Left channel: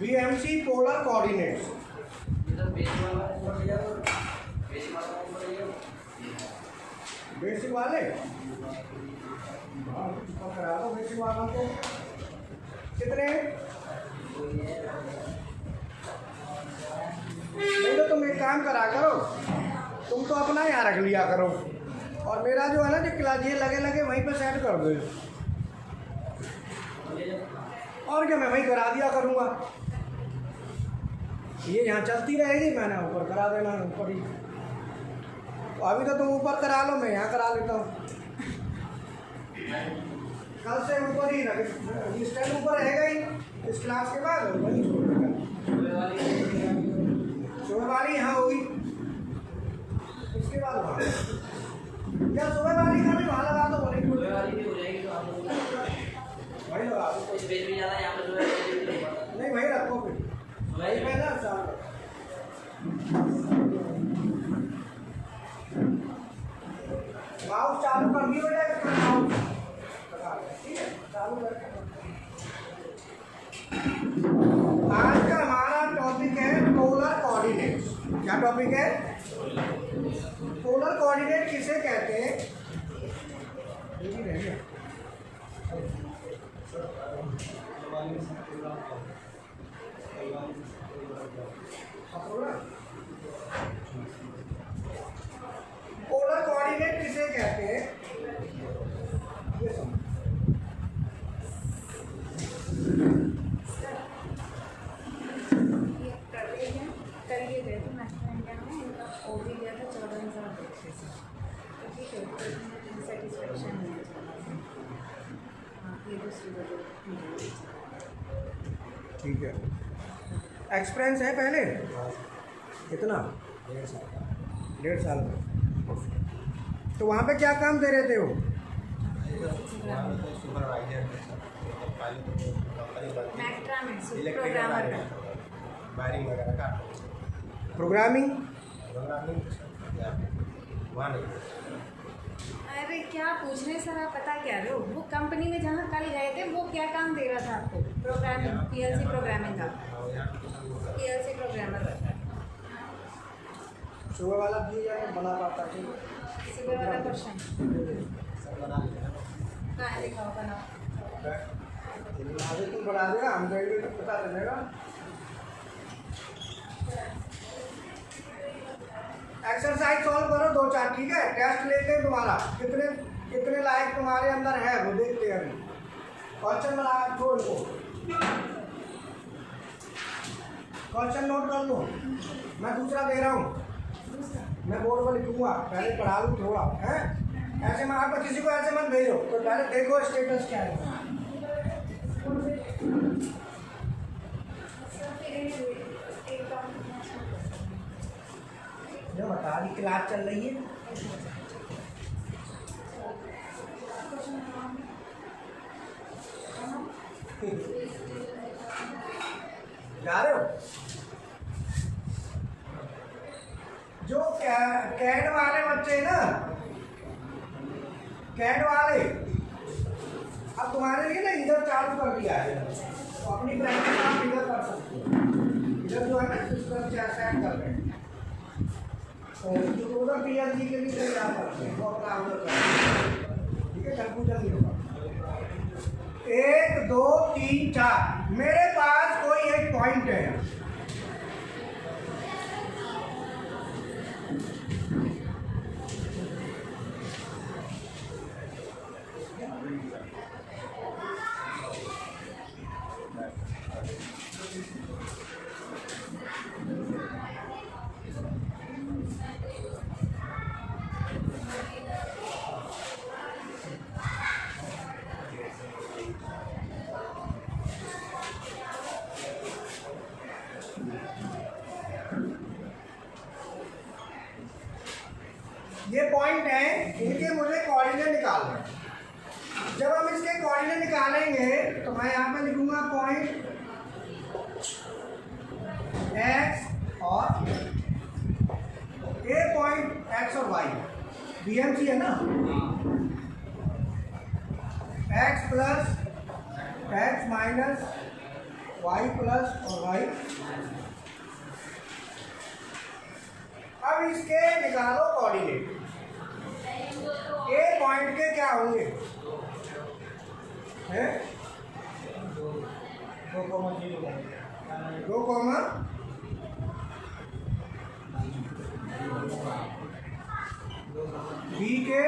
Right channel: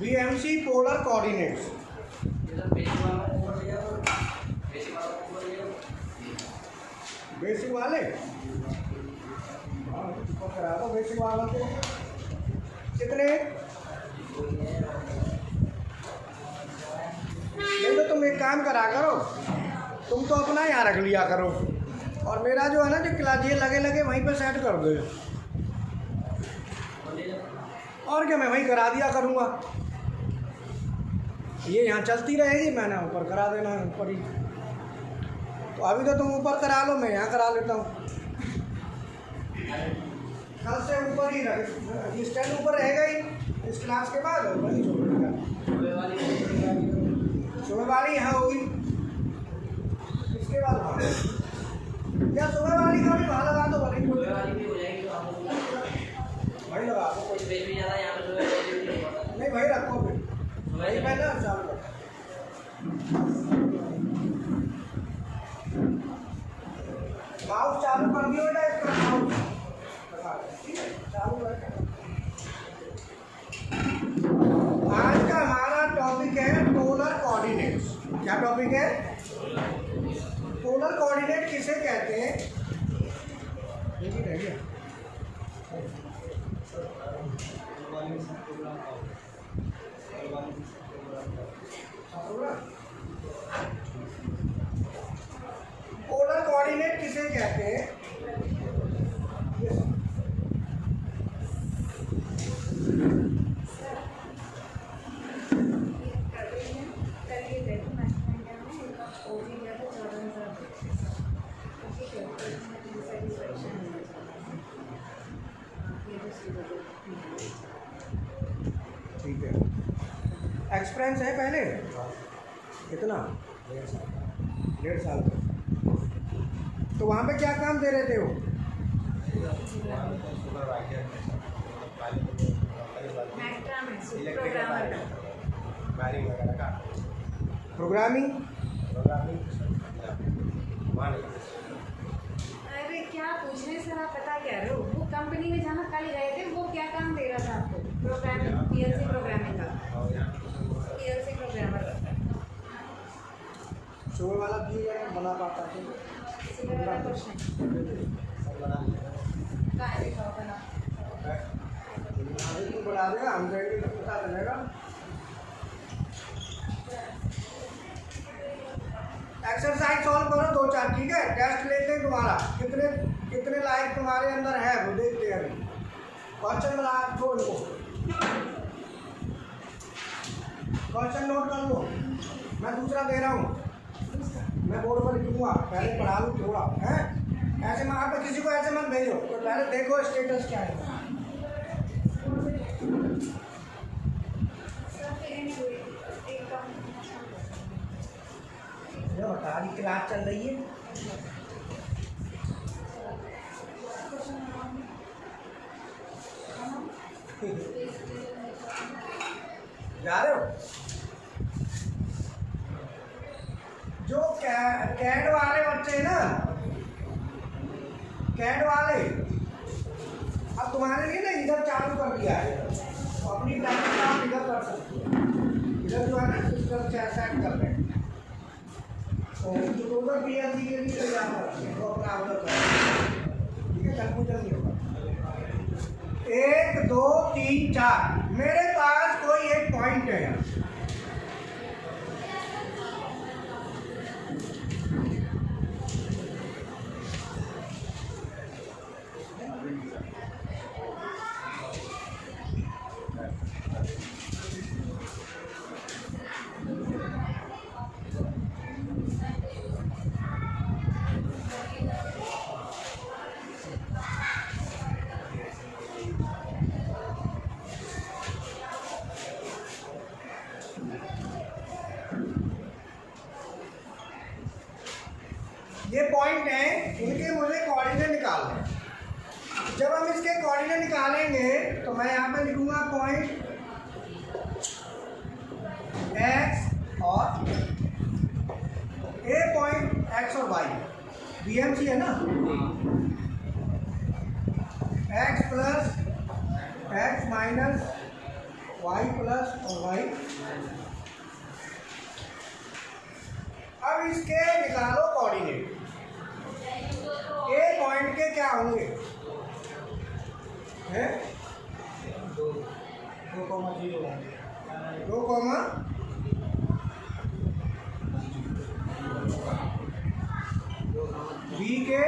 BMC polar coordinates. Basic वाले हाँ करा दो बेसिक वालों को। कितने नहीं तो तुम एक काम करा करो, तुम तो अपना यहाँ रख लिया करो और मेरा जो है ना जो क्लास ये लगे लगे वहीं पे सेट कर दो, और क्या मैं वहीं करा दिया करूँगा। ये यहाँ चलती रहेगी, मैंने ऊपर करा देना है ऊपर ही। तो अभी तो तुम ऊपर करा लो, मैं यहाँ करा लेता हूँ। कल से ऊपर ही रख, स्टैंड ऊपर रहेगा ही इस क्लास के बाद वही छोड़ेगा। सुबह वाली यहाँ होगी, इसके बाद वहाँ या सुबह वाली का भी वहाँ लगा दो, वही सुबह वाली भी हो जाएगी तो आप वही लगा दो। कुछ बेच भी ज़्यादा यहाँ पे नहीं, वही रखो फिर वही पहले शाम को माउस चालू कर दियो ना, ठीक है चालू कर। आज का हमारा टॉपिक है पोलर कोऑर्डिनेट्स। क्या टॉपिक है? पोलर कोऑर्डिनेट किसे कहते हैं? पोलर कोऑर्डिनेट किसे कहते हैं? ठीक है, एक्सपीरियंस है पहले कितना? 1.5 साल का। तो वहाँ पे क्या काम दे रहे थे वो? प्रोग्रामिंग। अरे क्या पूछने सर, आप पता क्या रहे हो, वो कंपनी में जहाँ कल गए थे वो क्या काम दे रहा था आपको? प्रोग्रामिंग, PLC प्रोग्रामिंग का, PLC प्रोग्रामर। सुबह वाला दिए जाए बना पाता है, सुबह वाला क्वेश्चन कहाँ लिखा होगा ना? आगे तू बना देगा, हम जाएंगे तो पता चलेगा। एक्सरसाइज सॉल्व करो 2-4, ठीक है? टेस्ट लेते हैं तुम्हारा, कितने कितने लायक तुम्हारे अंदर है वो देखते हैं। अभी क्वेश्चन बना छोड़ दो, क्वेश्चन नोट कर लो। मैं दूसरा दे रहा हूँ, मैं बोर्ड पर लिखूंगा, पहले पढ़ा लूँ थोड़ा है। ऐसे मैं आप किसी को ऐसे मत भेजो, तो पहले देखो स्टेटस क्या है। जो बता रही क्लास चल रही है, जा रहे हो? जो कैड वाले बच्चे ना, कैड वाले अब तुम्हारे लिए ना इधर चालू कर दिया है, तो अपनी प्रैक्टिस आप इधर कर सकते हो। इधर जो है ना सिस्टम सेट कर रहे हैं, तो उधर PLC के लिए तैयार करते हैं, तो अपना उधर कर, ठीक है? कंप्यूटर नहीं होगा। 1 2 3 4 मेरे पास कोई एक पॉइंट है यहाँ, ये पॉइंट है, इनके मुझे कोऑर्डिनेट निकालना है। जब हम इसके कोऑर्डिनेट निकालेंगे तो मैं यहाँ पर लिखूंगा पॉइंट x और ए पॉइंट x और y, BMC है ना, x plus x minus Y plus और वाई। अब इसके निकालो कोऑर्डिनेट। ए पॉइंट के क्या होंगे हैं? 2, बी के,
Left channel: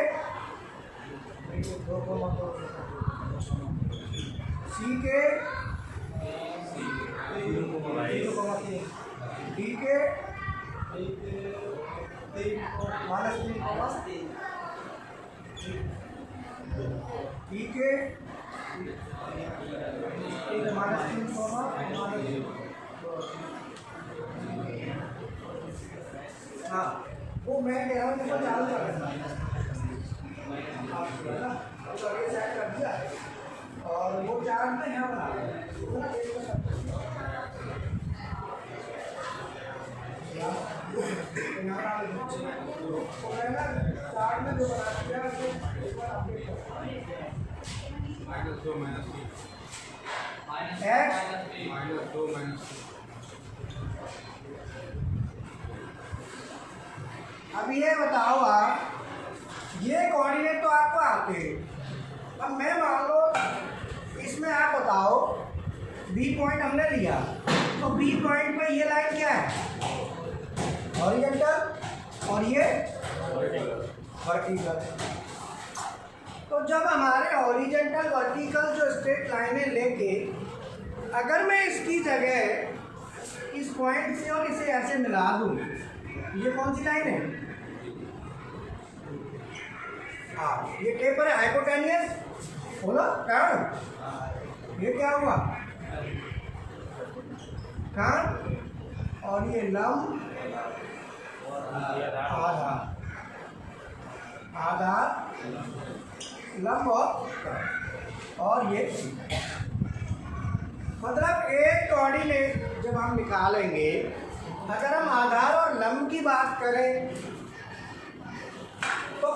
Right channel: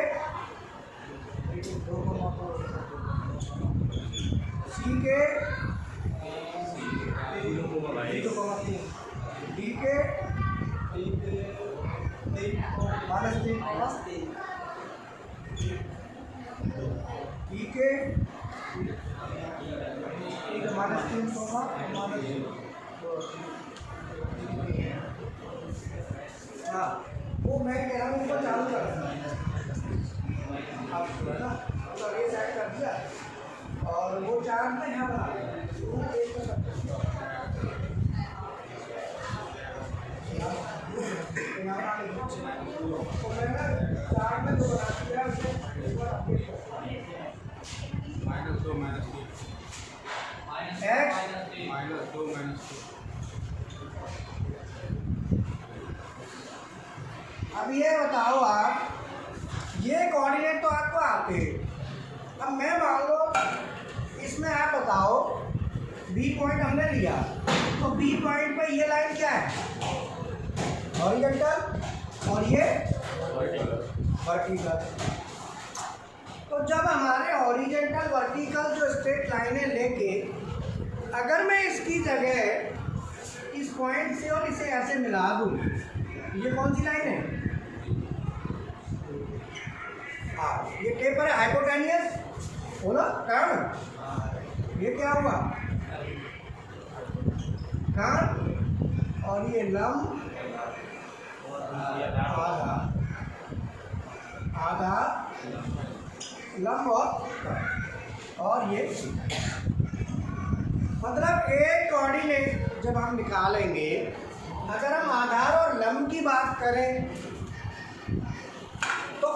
सी के, डी के -3, ई के -3, हाँ वो मैं कह रहा हूँ इसको चालू कर कर दिया और वो चार्ट में है बना चार्ट में जो बना दिया -2 अब ये बताओ आप, ये कोऑर्डिनेट तो आपको आते हैं। अब मैं मान लो इसमें आप बताओ बी पॉइंट हमने लिया, तो बी पॉइंट पे ये लाइन क्या है? हॉरिजॉन्टल और ये वर्टिकल। तो जब हमारे हॉरिजॉन्टल वर्टिकल जो स्ट्रेट लाइनें लेके अगर मैं इसकी जगह इस पॉइंट से और इसे ऐसे मिला दूँ, ये कौन सी लाइन है? हाँ, ये टेपर है हाइपोटेनियस, बोलो कान। ये क्या हुआ? कान। और ये लंब आधार लंब और ये मतलब एक कोऑर्डिनेट जब हम निकालेंगे, अगर हम आधार और लंब की बात करें तो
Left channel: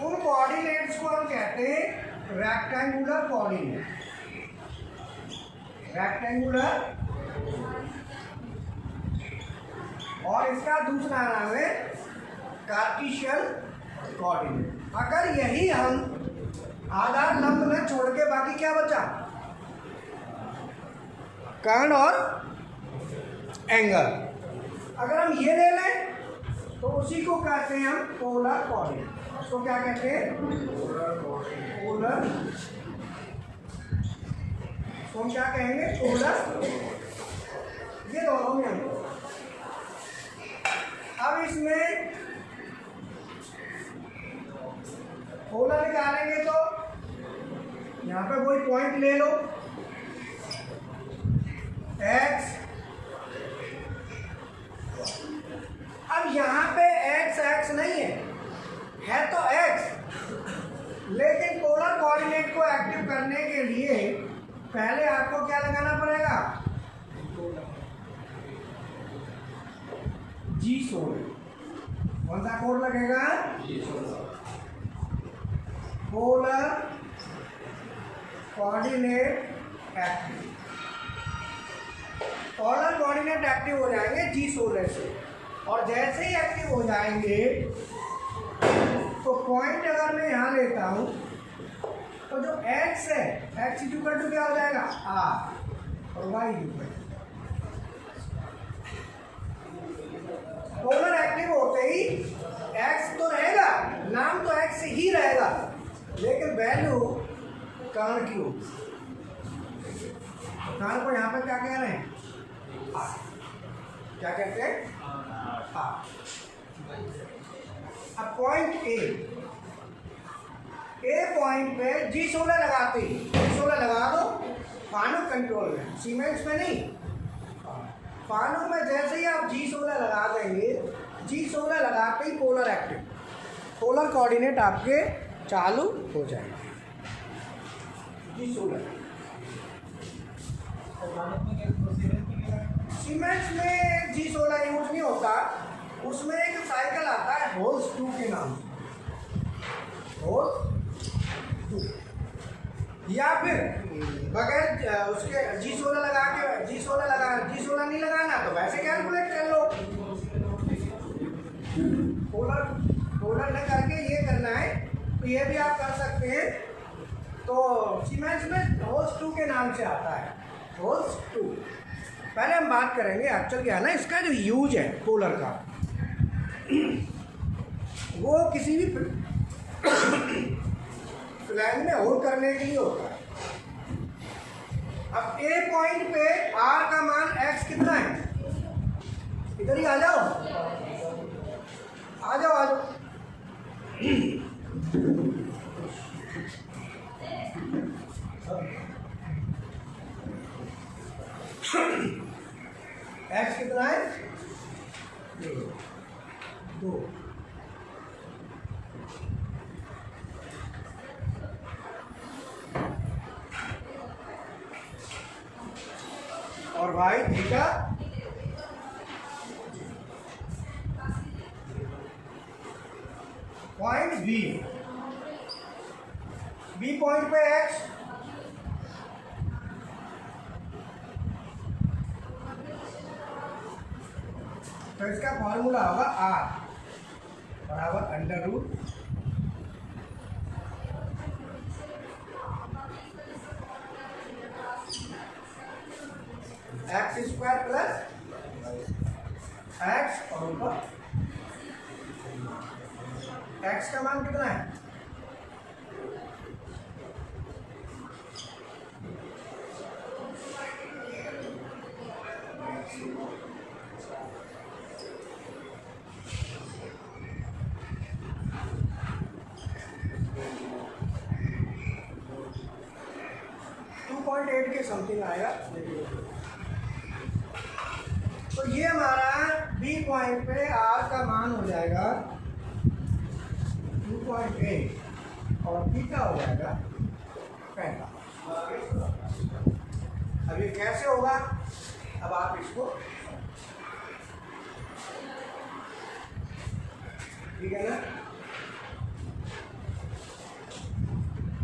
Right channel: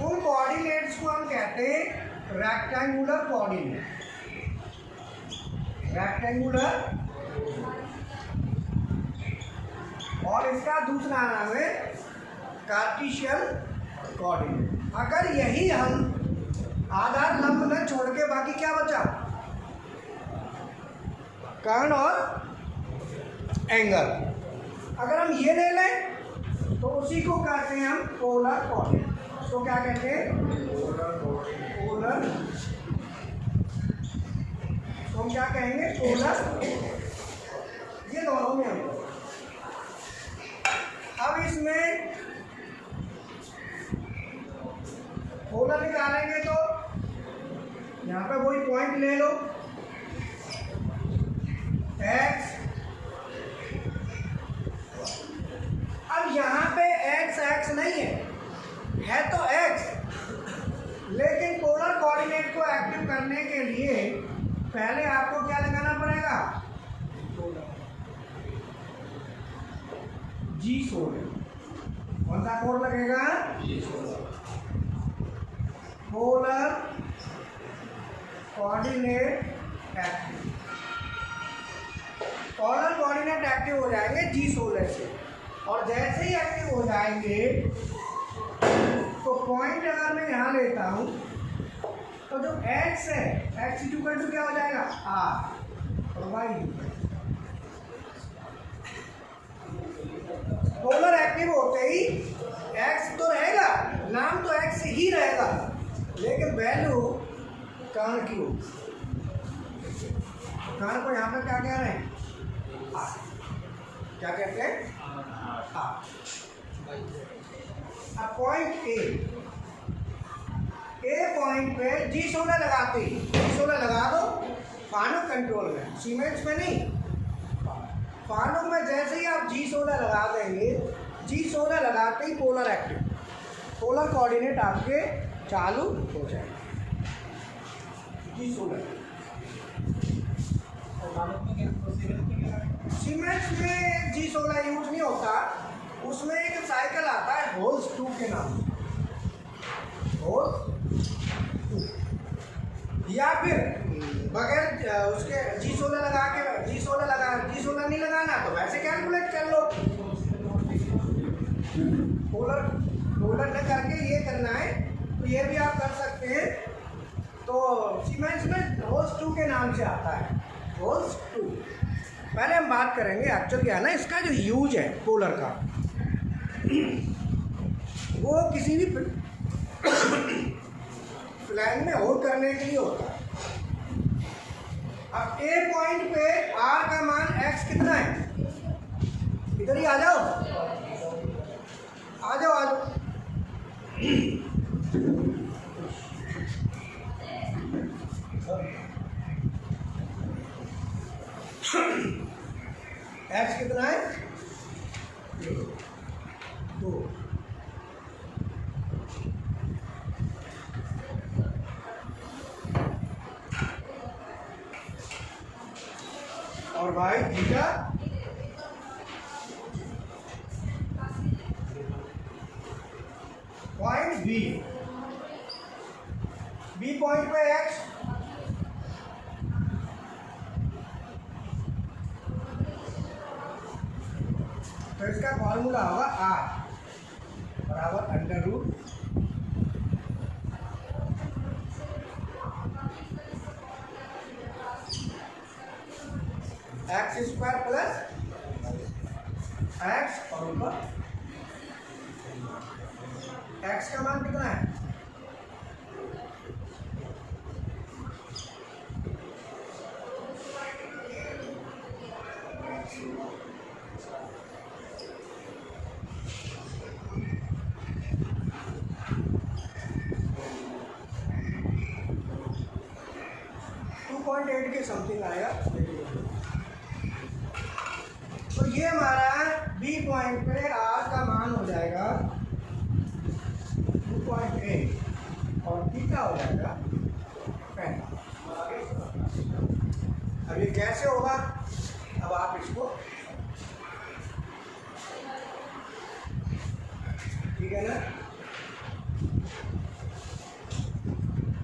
उन कोऑर्डिनेट्स को हम कहते हैं रेक्टेंगुलर कोऑर्डिनेट। रेक्टेंगुलर और इसका दूसरा नाम है कार्टेशियन कोऑर्डिनेट। अगर यही हम आधार लंब में छोड़ के बाकी क्या बचा? कर्ण और एंगल। अगर हम ये ले लें तो उसी को कहते हैं हम पोलर कोऑर्डिनेट। तो क्या कहते हैं? पोलर। तो हम क्या कहेंगे? पोलर। ये दोनों में हम अब इसमें पोलर निकालेंगे तो यहाँ पे कोई पॉइंट ले लो x। अब यहाँ पे x नहीं है तो x, लेकिन पोलर कोऑर्डिनेट को एक्टिव करने के लिए पहले आपको क्या लगाना पड़ेगा? जी सोल। कौन सा कोड लगेगा? Polar coordinate active. Polar coordinate active हो जाएंगे जी सोलर से, और जैसे ही एक्टिव हो जाएंगे तो पॉइंट अगर मैं यहाँ लेता हूँ तो जो x है, x इक्वल टू क्या हो जाएगा? r और y इक्वल। पोलर एक्टिव होते ही x तो रहेगा, नाम तो x ही रहेगा, लेकिन वैल्यू कर्ण की होगी। कर्ण को यहाँ पर क्या कह रहे हैं? r। क्या कहते हैं? r। अब पॉइंट ए पॉइंट पे जी सोलर लगाते ही, जी सोलर लगा दो फानुक कंट्रोल में, सीमेंट्स में नहीं। फानुक में जैसे ही आप जी सोलर लगा देंगे, जी सोलर लगाते ही पोलर एक्टिव, पोलर कोऑर्डिनेट आपके चालू हो जाएगा। जी सोलर सीमेंट्स में जी सोलर यूज नहीं होता, उसमें एक साइकिल आता है होल्स 2 के नाम, होल्स 2, या फिर बगैर उसके जी सोलर लगा के, जी ऐसे कैलकुलेट कर लो। पोलर पोलर न करके ये करना है तो ये भी आप कर सकते हैं। तो सीमेंस में होल्स 2 के नाम से आता है, होल्स 2। पहले हम बात करेंगे एक्चुअल क्या है ना, इसका जो यूज है पोलर का, वो किसी भी फ्लैग में होल्ड करने के लिए होता है। अब ए पॉइंट पे आर का मान एक्स कितना है, इधर ही आ जाओ, आ जाओ, आ जाओ। एक्स कितना है, 2। और भाई थीटा पॉइंट बी पॉइंट पे एक्स, तो इसका फॉर्मूला होगा आर बराबर under root X square plus X और ऊपर एक्स का मान कितना है, के समथिंग आएगा। तो ये हमारा बी पॉइंट पे आर का मान हो जाएगा 2.8 और थीटा हो जाएगा 65। अब ये कैसे होगा, अब आप इसको, ठीक है ना,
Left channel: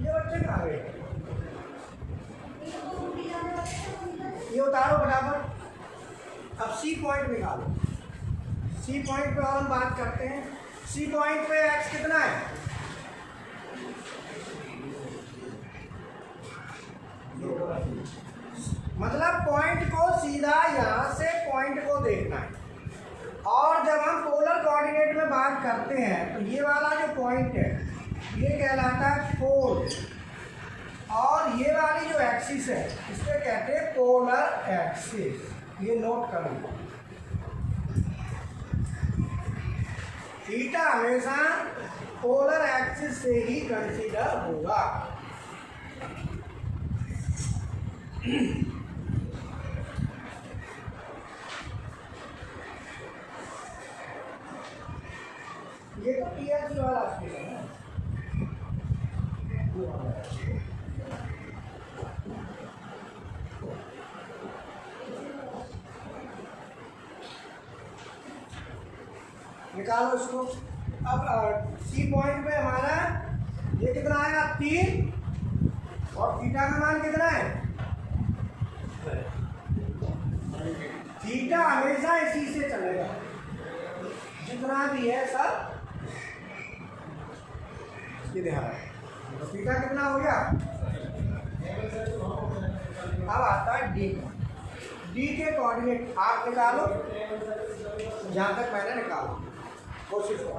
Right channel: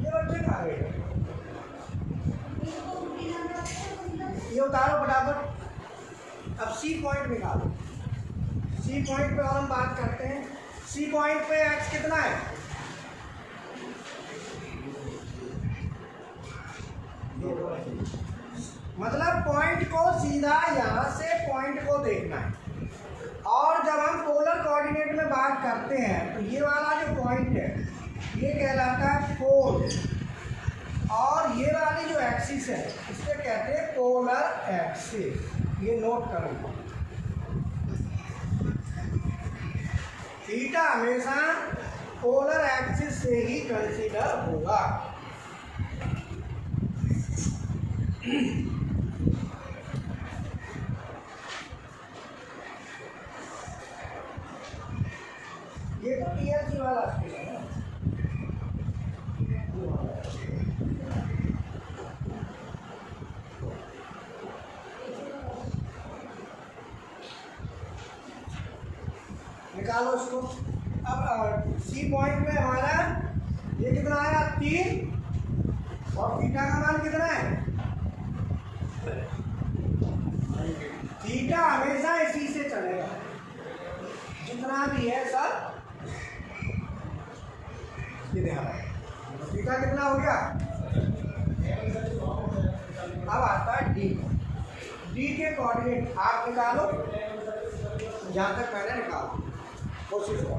ये बच्चे खा गए, ये उतारो फटाफट। अब सी पॉइंट निकालो, सी पॉइंट पे और हम बात करते हैं। सी पॉइंट पे एक्स कितना है, मतलब पॉइंट को सीधा यहाँ से पॉइंट को देखना है। और जब हम पोलर कोऑर्डिनेट में बात करते हैं तो ये वाला जो पॉइंट है ये कहलाता है पोल, और ये वाली जो एक्सिस है इसे कहते हैं पोलर एक्सिस। ये नोट करो, थीटा हमेशा पोलर एक्सिस से ही कंसीडर होगा। ये तो पीएचडी वाला स्केल है ना, निकालो इसको। अब सी पॉइंट में हमारा ये कितना आएगा 3, और थीटा का मान कितना है, थीटा हमेशा इसी से चलेगा, जितना भी है सब ये ध्यान है। तो थीटा कितना हो गया, अब आता है डी। डी के कोऑर्डिनेट आप निकालो, जहाँ तक मैंने निकाला कोशिश करो।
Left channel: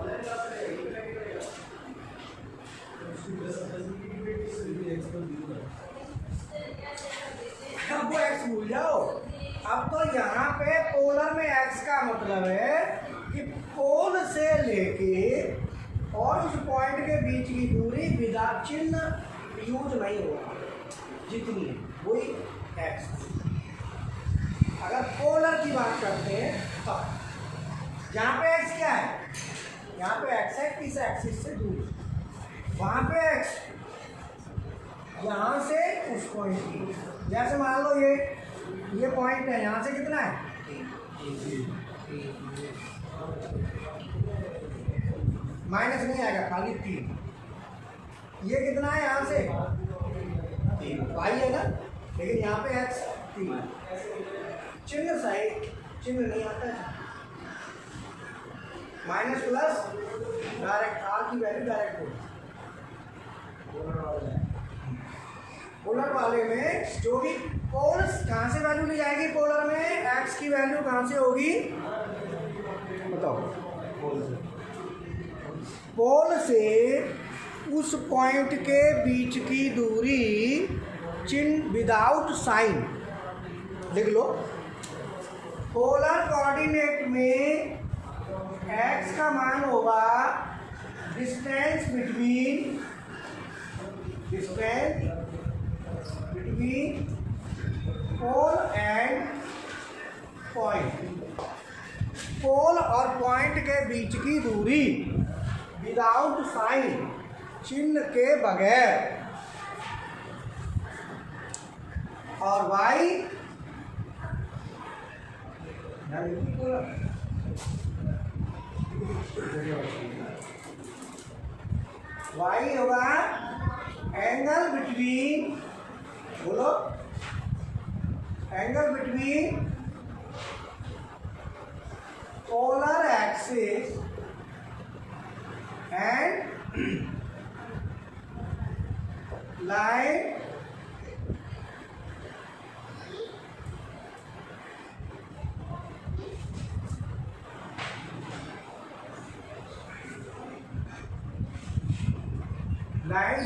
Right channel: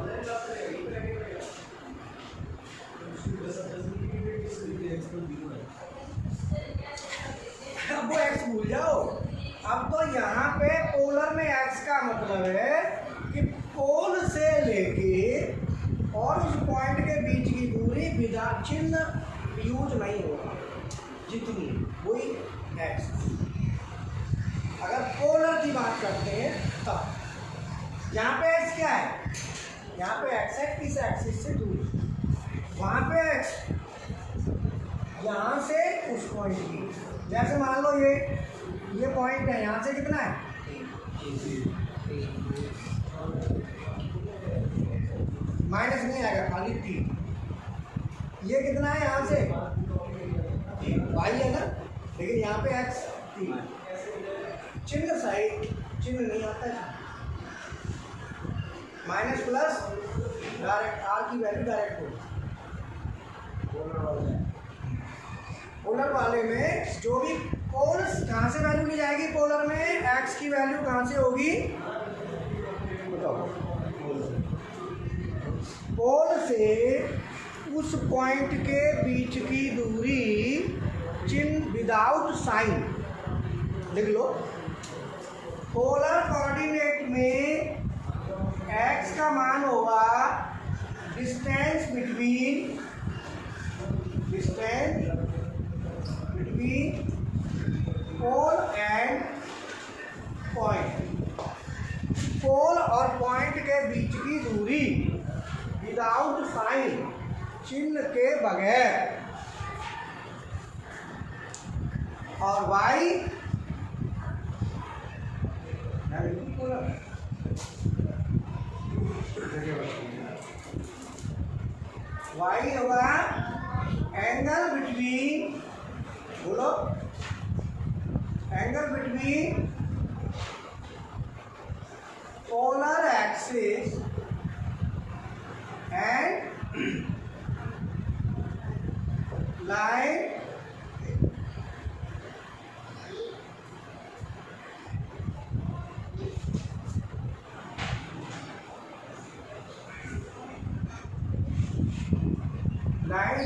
अब वो एक्स भूल जाओ। अब तो यहाँ पे पोलर में एक्स का मतलब है कि पोल से लेके और उस पॉइंट के बीच की दूरी बिना चिन्ह यूज नहीं होगा, जितनी वही एक्स। अगर पोलर की बात करते हैं तो यहाँ पे एक्स क्या है, यहाँ पे एक्स है किस एक्सिस से दूर, वहाँ पे एक्स यहाँ से उस पॉइंट की, जैसे मान लो ये पॉइंट है, यहाँ से कितना है, माइनस नहीं आएगा, खाली 3। ये कितना है यहाँ से, वाई है ना, लेकिन यहाँ पे एक्स 3। चिन्ह साइड चिन्ह नहीं आता है, माइनस प्लस डायरेक्ट आर की वैल्यू डायरेक्ट हो। पोलर वाले में जो भी पोल कहाँ से वैल्यू ली जाएगी, पोलर में एक्स की वैल्यू कहाँ से होगी बताओ, पोल से उस पॉइंट के बीच की दूरी चिन्ह विदाउट साइन लिख लो। पोलर कोऑर्डिनेट में x का मान होगा distance between pole and point, pole और पॉइंट के बीच की दूरी विदाउट साइन चिन्ह के बगैर, और y होगा एंगल बिटवीन, बोलो angle between polar axis and line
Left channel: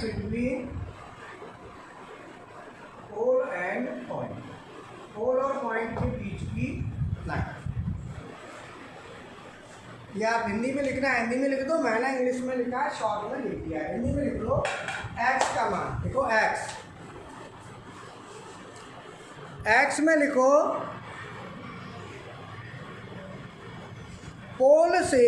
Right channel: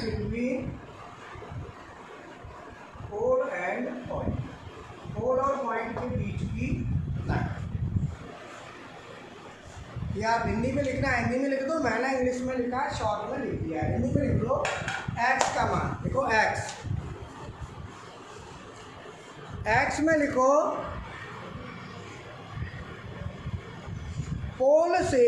between pole and point, pole और पॉइंट के बीच की लाइन। ये आप हिंदी में लिखना है, हिंदी में लिख दो, मैंने इंग्लिश में लिखा है, शॉर्ट में लिख दिया है। हिंदी में लिख लो x का मान, लिखो x में लिखो पोल से,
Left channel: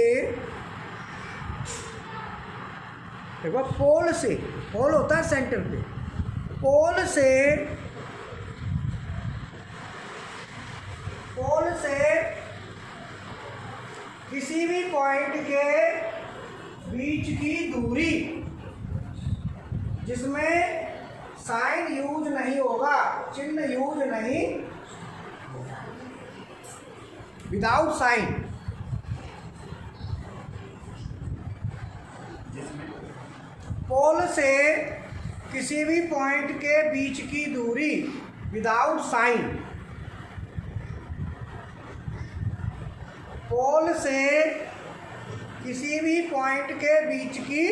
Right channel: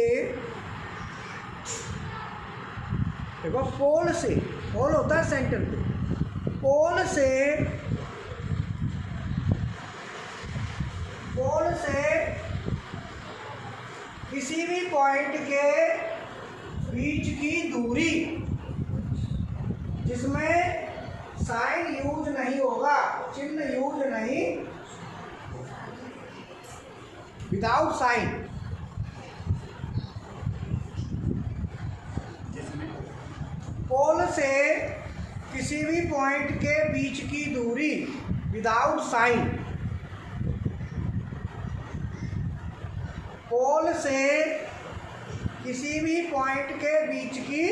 देखो पोल से, पोल होता है सेंटर पे, पोल से किसी भी पॉइंट के बीच की दूरी जिसमें साइन यूज नहीं होगा, चिन्ह यूज नहीं, विदाउट साइन, पोल से किसी भी पॉइंट के बीच की दूरी विदाउट साइन, पोल से किसी भी पॉइंट के बीच की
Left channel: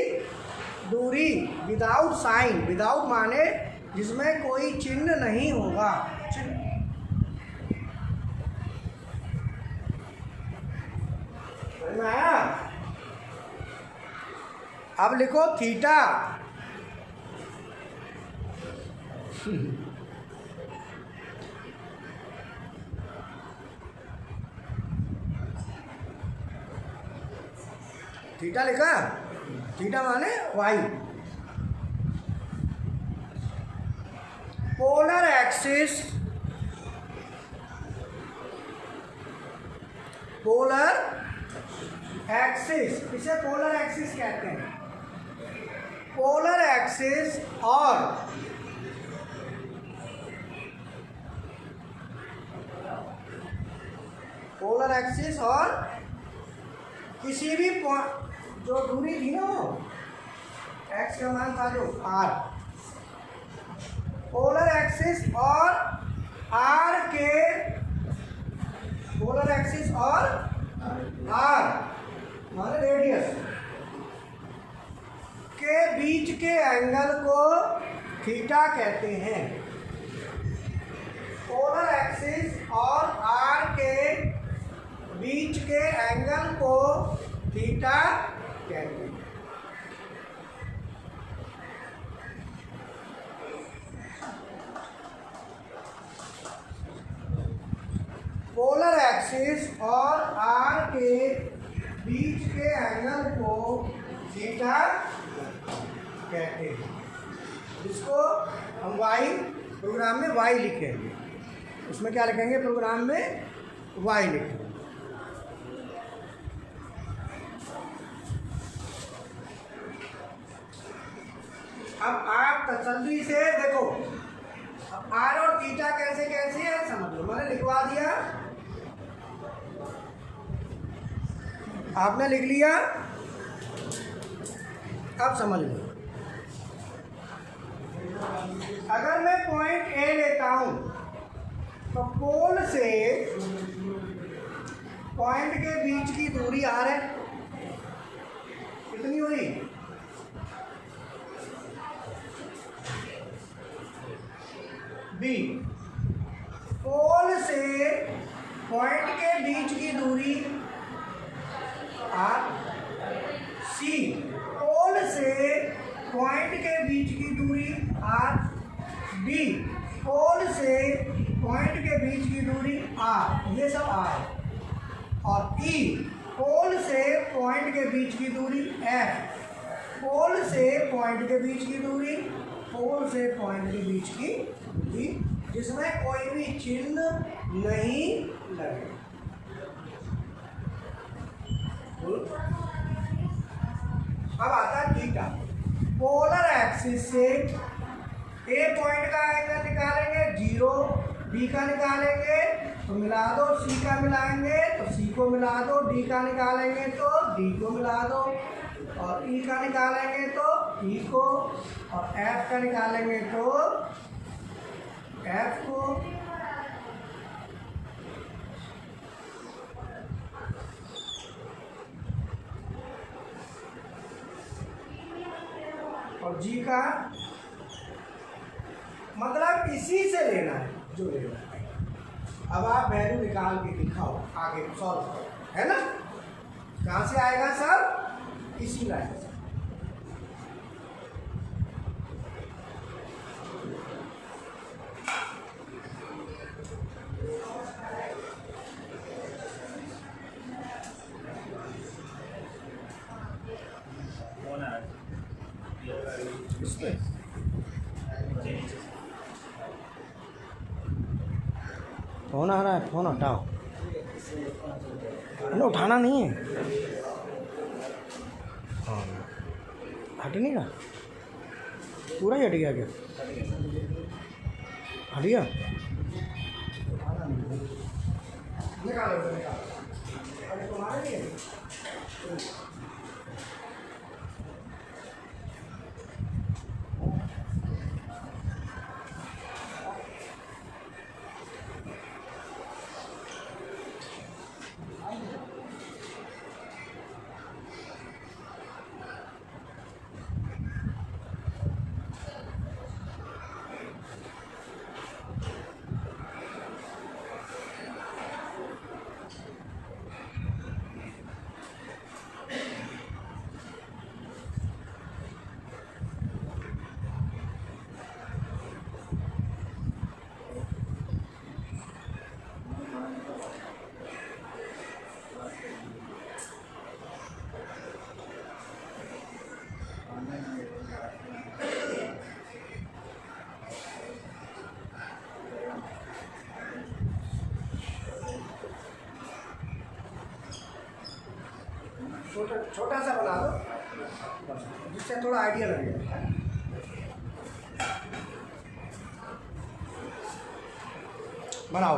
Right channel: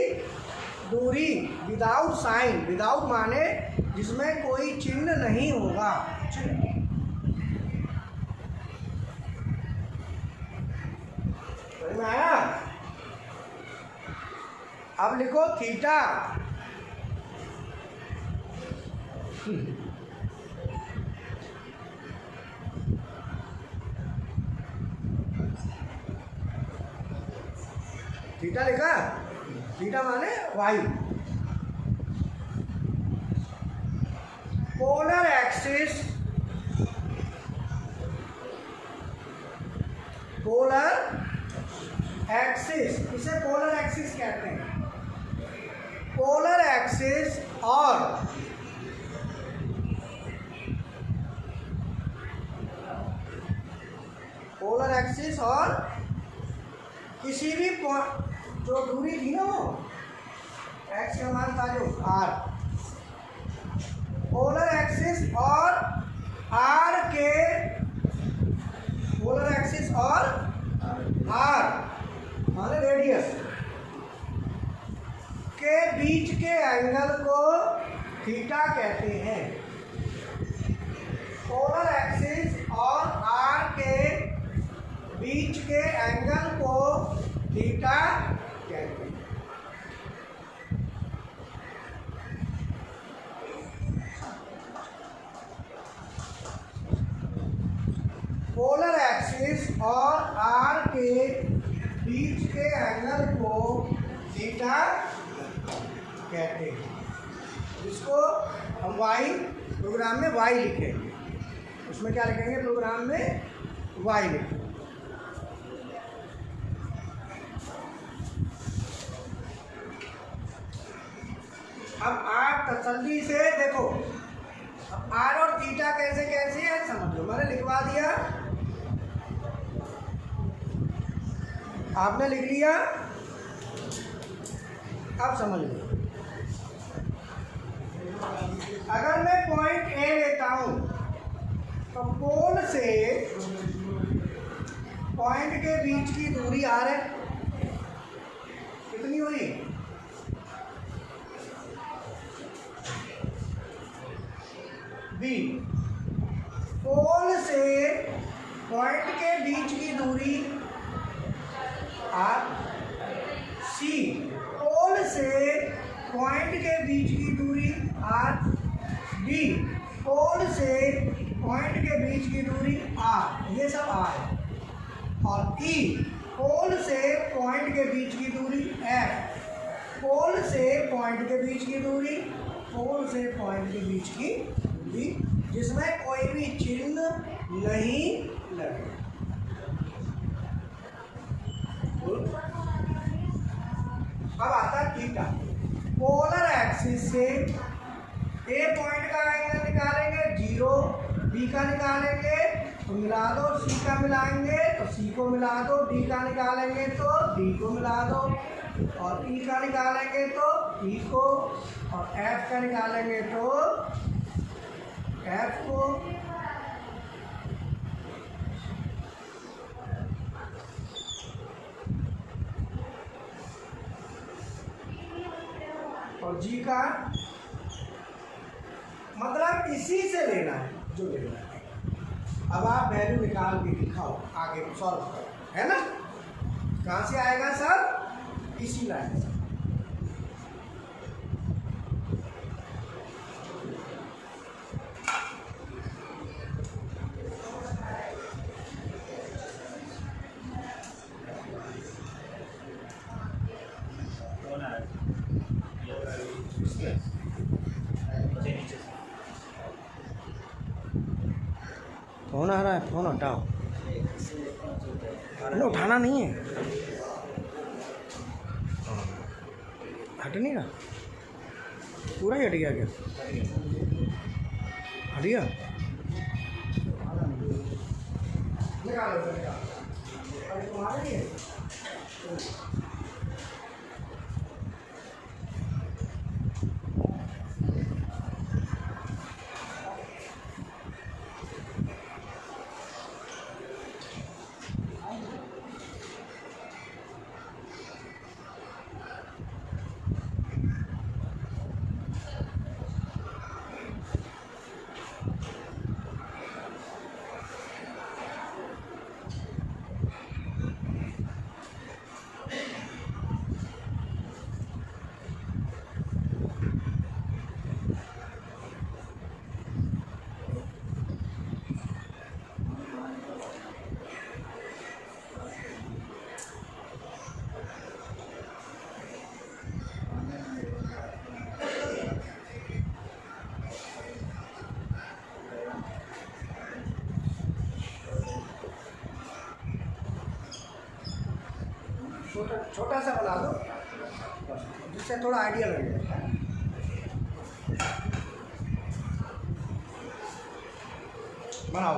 दूरी विदाउट साइन, विदाउट माने जिसमें कोई चिन्ह नहीं होगा, समझ में आया? अब लिखो थीटा, थीटा लिखा, थीटा माने वाई, पोलर एक्सिस, इसे पोलर एक्सिस कहते हैं, पोलर एक्सिस और किसी भी जो दूरी थी ना, वो x का मान था जो r, पोलर एक्सिस और r के, पोलर एक्सिस और r माने रेडियस के बीच के एंगल को थीटा कहते हैं। पोलर एक्सिस और r के बीच के एंगल को थीटा कहते हैं। पोलर एक्सिस और r के बीच के एंगल को थीटा कहते हैं, जिसको हम y प्रोग्राम में y लिखेंगे, उसमें क्या लिखेंगे, प्रोग्राम में y लिखेंगे। अब आप तसल्ली से देखो, अब आर और थीटा कैसे कैसे है समझ लो, मैंने लिखवा दिया, आपने लिख लिया, अब समझ लो। अगर मैं पॉइंट ए लेता हूं तो पोल से पॉइंट के बीच की दूरी आर है, कितनी हुई? बी। पोल से पॉइंट के बीच की दूरी आर। सी। पोल से पॉइंट के बीच की दूरी आर। बी। पोल से पॉइंट के बीच की दूरी आर, ये सब आर है। और ई। पोल से पॉइंट के बीच की दूरी एफ। पोल से पॉइंट के बीच की दूरी, पोल से पॉइंट के बीच की दूरी जिसमें कोई भी चिन्ह नहीं लगे। अब आता है थीटा। पोलर एक्सिस से ए पॉइंट का एंगल निकालेंगे 0, बी का निकालेंगे तो मिला दो, सी का मिलाएंगे तो सी को मिला दो, डी का निकालेंगे तो डी को मिला दो, और ई का निकालेंगे तो ई को, और एफ का निकालेंगे तो एफ को। और जी का मतलब इसी से लेना है जो लेना है। अब आप वैल्यू निकाल के दिखाओ, आगे सॉल्व करो, है ना? कहाँ से आएगा सर? इसी लाइन से। फोन आ रहा है, फोन हटाओ, उठाना नहीं है। हाँ, हट नहीं रहा, पूरा ही हट गया क्या? हट गया? छोटा सा बना दो जिससे थोड़ा आइडिया लगे। बनाओ।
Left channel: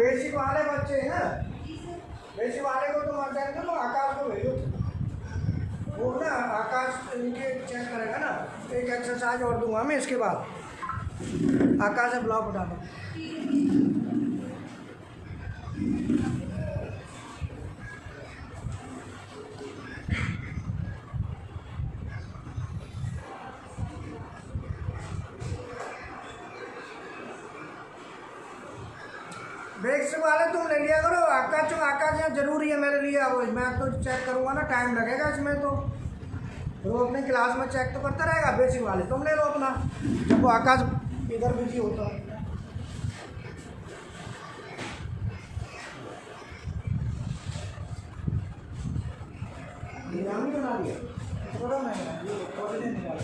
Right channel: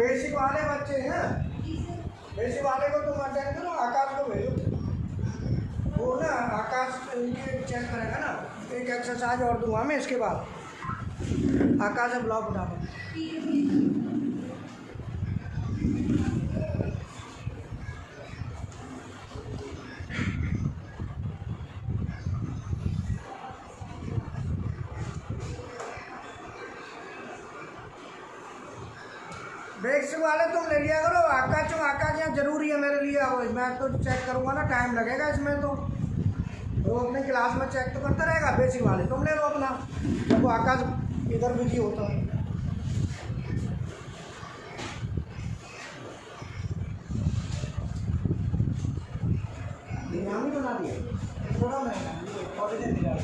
बेसिक वाले बच्चे हैं, बेसिक वाले को तुम अटेंड करो, आकाश को भेजो, वो ना आकाश इनके चेक करेगा ना। एक एक्सरसाइज और दूंगा मैं इसके बाद, आकाश से ब्लॉक उठा दो। बेसिक वाले तुम ले लिया करो, आकाश यहाँ जरूरी है मेरे लिए। अब मैं तो चेक करूँगा ना, टाइम लगेगा इसमें, तो वो अपनी क्लास में चेक तो करता रहेगा। बेसिक वाले तुम ले लो अपना, जब वो आकाश इधर बिजी होता है। नाम बना दिया थोड़ा नहीं, थोड़े दिन निकाल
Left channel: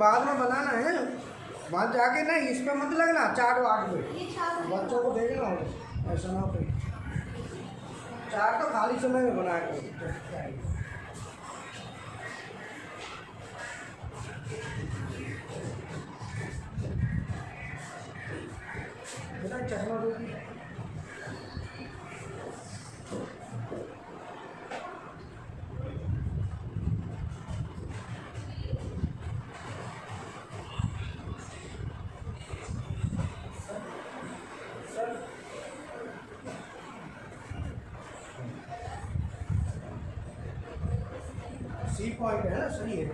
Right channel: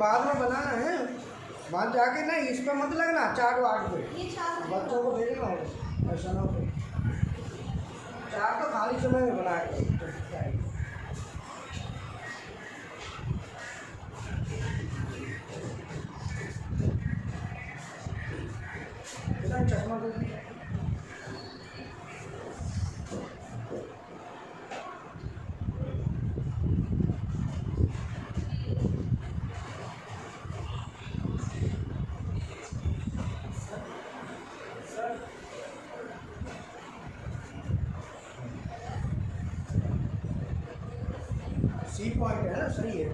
बाद में बनाना है, बाद जाके ना इस पर मत लगना, 4 8 पे बच्चों को भेजना होगा, ऐसा ना हो। 4 तो खाली समय में बनाया करो। चश्मा दो, सी पॉइंट है ना, सही है।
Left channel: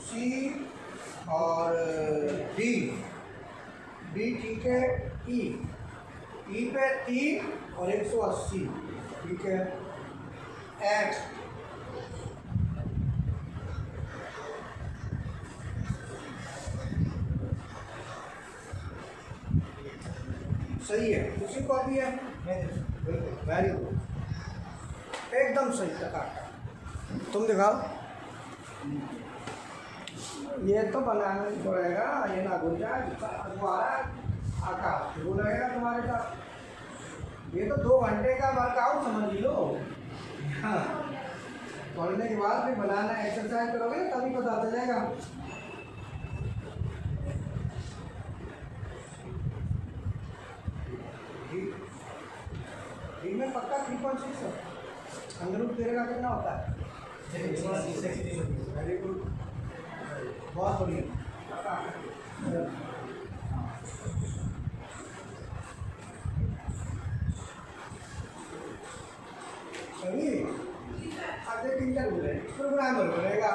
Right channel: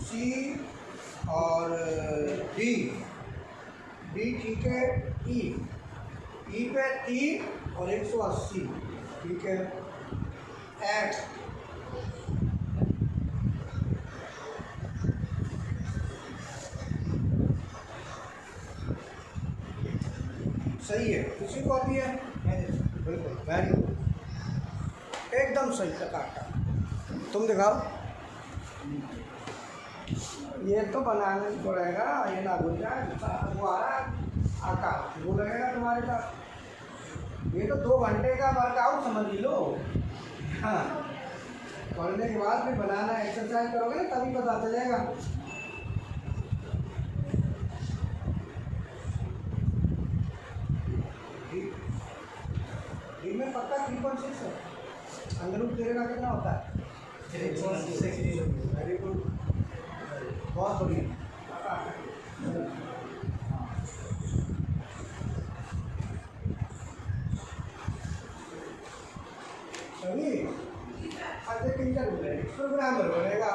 सी और डी, डी ठीक है। ई पे 3 और 180 ठीक है। एच सही है, उसी को भी है, वेरी गुड, एकदम सही टका। तुम दिखाओ, ये तो बनाना ही पड़ेगा, ये ना भूल जाए। वो आ रहा आकाश, वो लगेगा तुम्हारे साथ। ये तो 2 घंटे का वर्कआउट समझ लो। हाँ, पढ़ने के बाद भी बनाना, एक्सरसाइज करोगे ना तभी पता चलेगा। डी में पक्का 3.6 है। अंदरूप तेरे का कितना होता है? वेरी गुड, बहुत बढ़िया। सही, अब प्रोग्रामर बनेगा।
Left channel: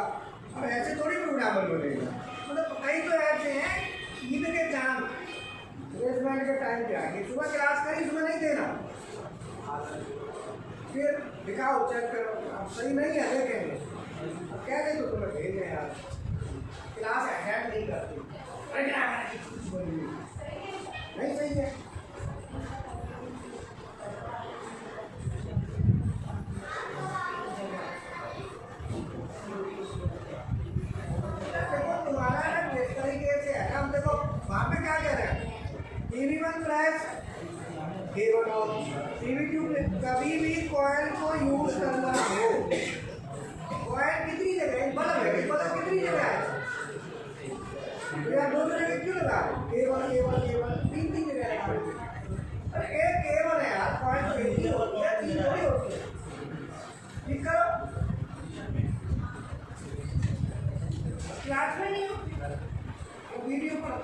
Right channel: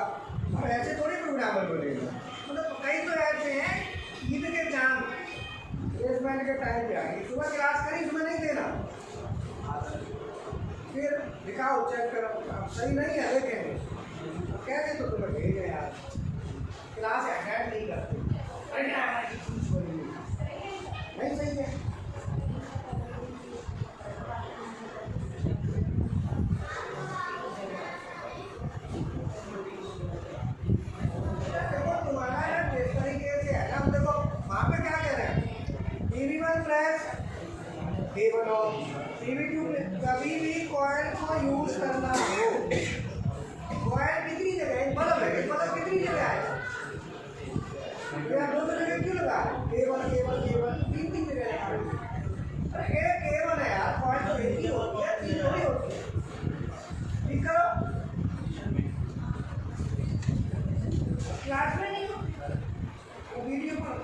अब ऐसे थोड़ी प्रोग्रामर बनेगा, मतलब कई तो ऐसे हैं ईद के चांद प्लेसमेंट के टाइम पे आगे सुबह क्लास करी, सुबह नहीं देना, फिर दिखाओ चेक करो सही नहीं है, देखेंगे कह दे तो तुम्हें भेजे यार, क्लास अटेंड नहीं करते, नहीं सही है। देखो तुम्हारा ना जिस तरीके से है ना, देखो वहाँ पे क्या कह रहे हैं, TV1 प्रेस केबल और TV2 कभी भी कॉइल को यूज करना हो, कॉइल कितनी जगह है, बल्ब है, बल्ब कितनी जगह है, या 2 जगह क्यों लगा है, केबल केबल केबल 3 जगह लगा है। अरे एक केबल है यार, कॉइल तो एक ही होती है, 3 थोड़ी होती है। ठीक करो, क्लास में नहीं हो, वीडियो पर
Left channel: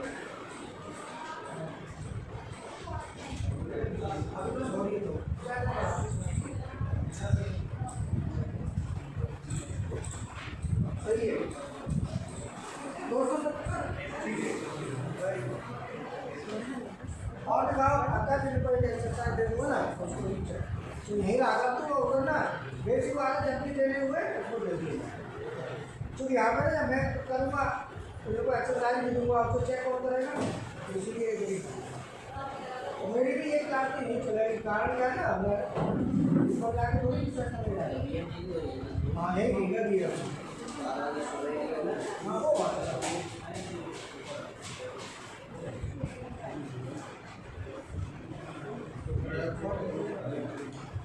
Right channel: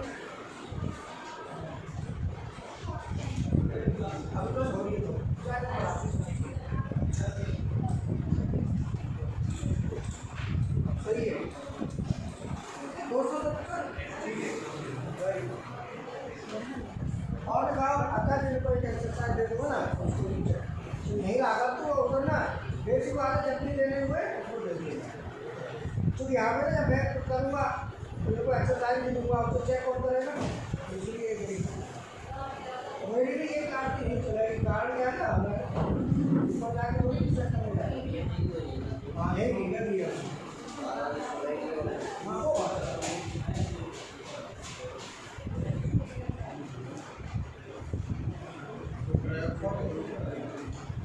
सही है 270 ठीक है, और लगाओ आता है पर एक्सरसाइज दे दूँगा ना उसको नीचे, तो नहीं लगा तो ना बेसिक वाला जब भी देने हुए उसको दे दिए, क्योंकि यहाँ पर ना मैं करूँगा उनको एक्सरसाइज भी दूँगा, आपको चेक और करेगा, इसलिए मेरी भी एक कारती नहीं चलेगी, कारण क्या है ना, मैं इसको जाके थोड़ी चेक करने जाएगा। हाँ है ठीक है भैया, हाँ वो बात है।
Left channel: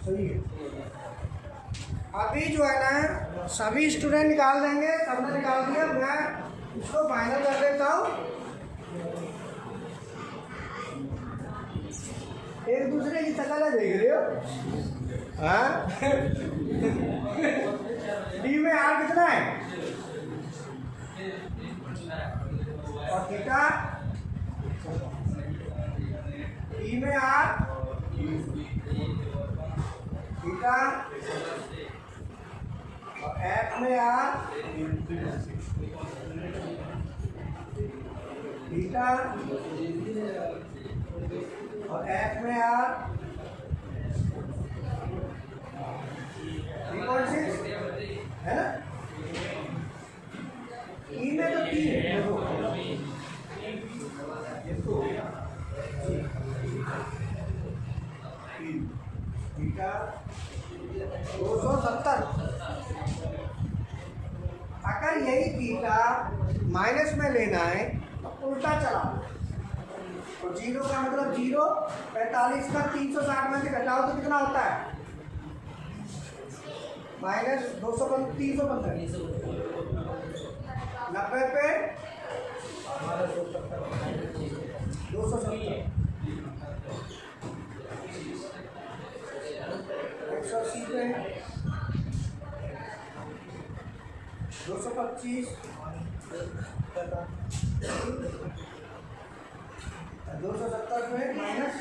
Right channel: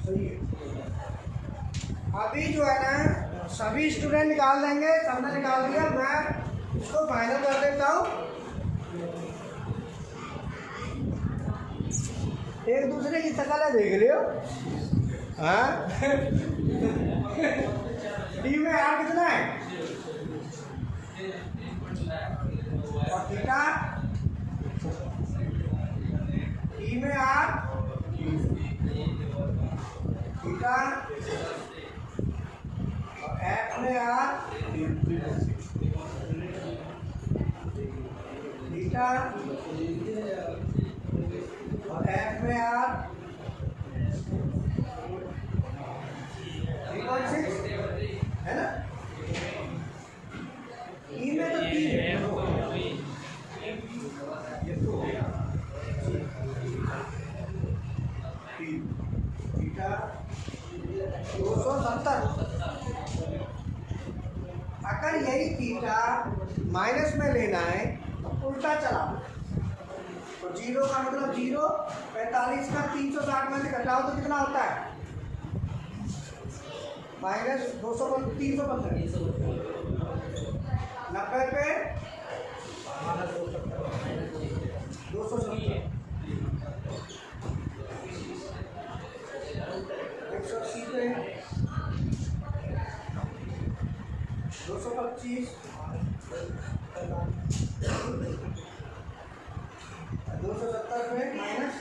सही है। अभी जो है ना सभी स्टूडेंट निकाल देंगे, सबने निकाल दिया, मैं इसको फाइनल कर देता हूँ। एक दूसरे की शक्ल देख रहे हो, हाँ? डी में आर कितना है और थीटा, डी में आर थीटा और एफ में आर थीटा और एफ में आर 3.6 है ना। ई में तो 3 है, थीटा 270। अगर यही थीटा माइनस में लेना है तो उल्टा चला, तो 0 का मतलब 0, 45 का 360 में से घटाओ तो कितना होता है माइनस 315, 90 पे 270, 180 पे 225, 270 पे माइनस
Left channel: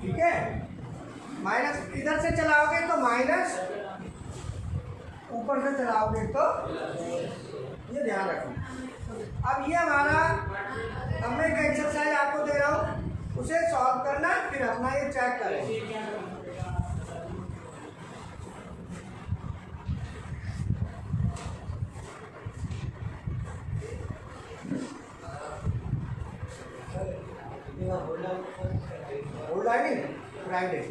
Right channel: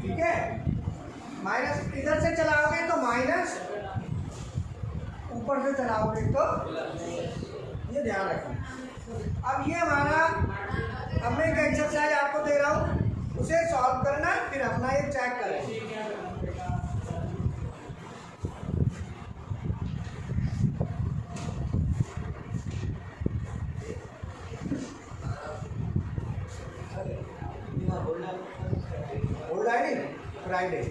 ठीक है। माइनस इधर से चलाओगे तो माइनस, ऊपर से चलाओगे तो ये ध्यान रखना। अब ये हमारा, अब मैं एक एक्सरसाइज आपको दे रहा हूँ, उसे सॉल्व करना, फिर अपना ये चेक करें। फ्राइडे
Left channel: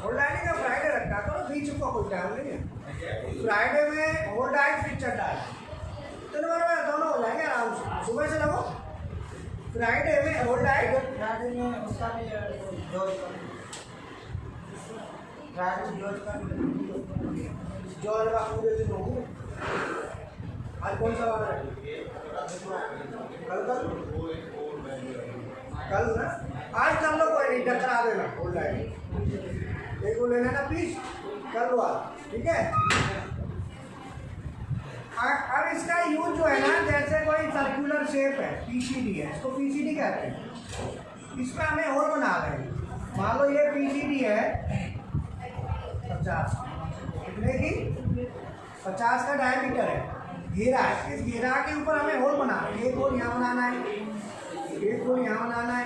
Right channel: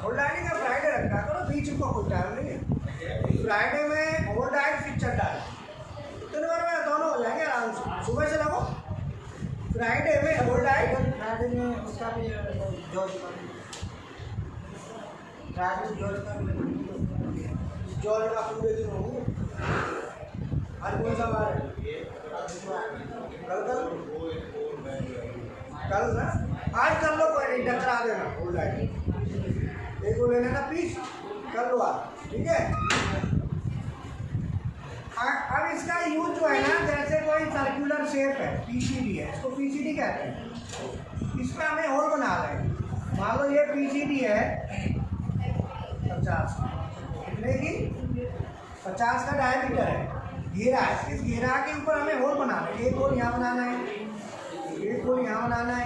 होल्ड का फ्राइडे रखा करो, बीच का कोई टाइम नहीं है। फ्राइडे में होल्ड डाइट फिर चढ़ा है, तो दोनों हो जाएंगे आराम से, सुबह से लगो। फ्राइडे में होल्ड डाइट, फ्राइडे में उसका भी जॉर्ज का पूरे दिन होंगे। आज कौन सा बार है? कल ना, आज कर लो, कोई नहीं, डकरा देना होल्ड डाइट, एक को लेना ना पीस, कर लो आप, ठीक है। अब इसका यूज जो है ना, जैसे कोई सर्कुलर शेप है, पीसीडी है, इसको पीसीडी कहते हैं, इसमें हमें होल बना रहे हैं। मान लो ये पीसीडी है 50, कितने की 50 का डायमीटर है, घेरा है, इस घेरा के ऊपर हमें होल बनाना है। एक होल यहाँ बनाना है, एक होल यहाँ बनाना है,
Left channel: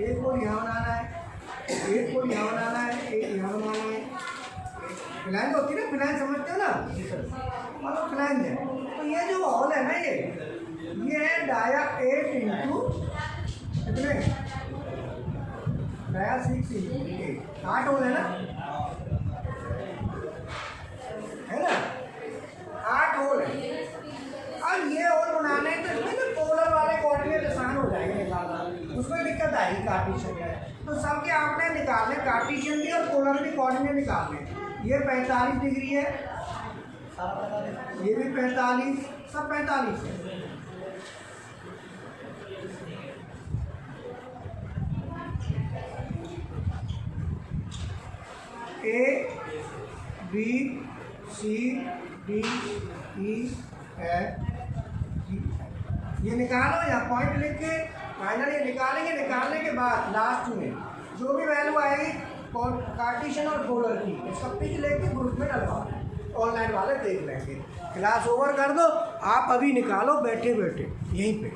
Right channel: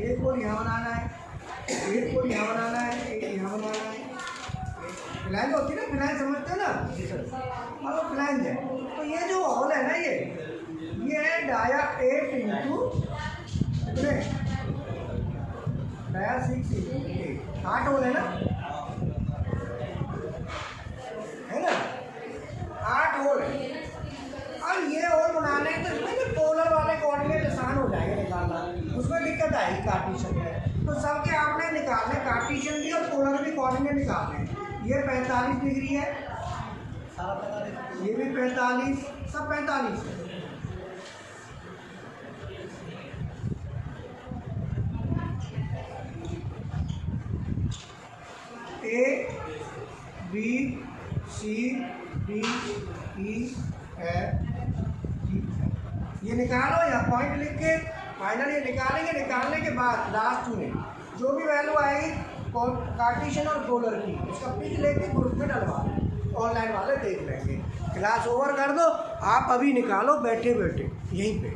एक होल यहाँ बनाना है, एक होल यहाँ बनाना है, एक यहाँ बनाना है। फ्लैंज होती है ना, फ्लैंज समझते हो ना, मतलब फ्लैंज है। तो ये जो होल है ना, ये है डाया 8 इंटू कितने, डाया 6 इंटू 8, 8 होल है ना, है ना, 8 होल है। अब ये होल बनाने तो इसमें जो पोलर वाले कोऑर्डिनेट आसान हो जाएंगे निकालना, उसमें दिक्कत आएगी कार्टेशियन में। तो सबके आपने निकालने, कार्टेशियन भी और पोलर भी कोऑर्डिनेट निकालने। ये 45 डिग्री है, ये भी 45, सब 45 है। A B C D E F, ये निकालो या पॉइंट लिख के फाइनल ये निकालेंगे। निकालने के बाद लास्ट में जो भी वैल्यू आएगी कार्टेशियन और पोलर की, उसका पिक लेके ग्रुप में डलवा, ऑनलाइन वाले देख लेंगे। क्लास ओवर कर दो, आप अभी निकालो बैठे बैठे यहीं पे।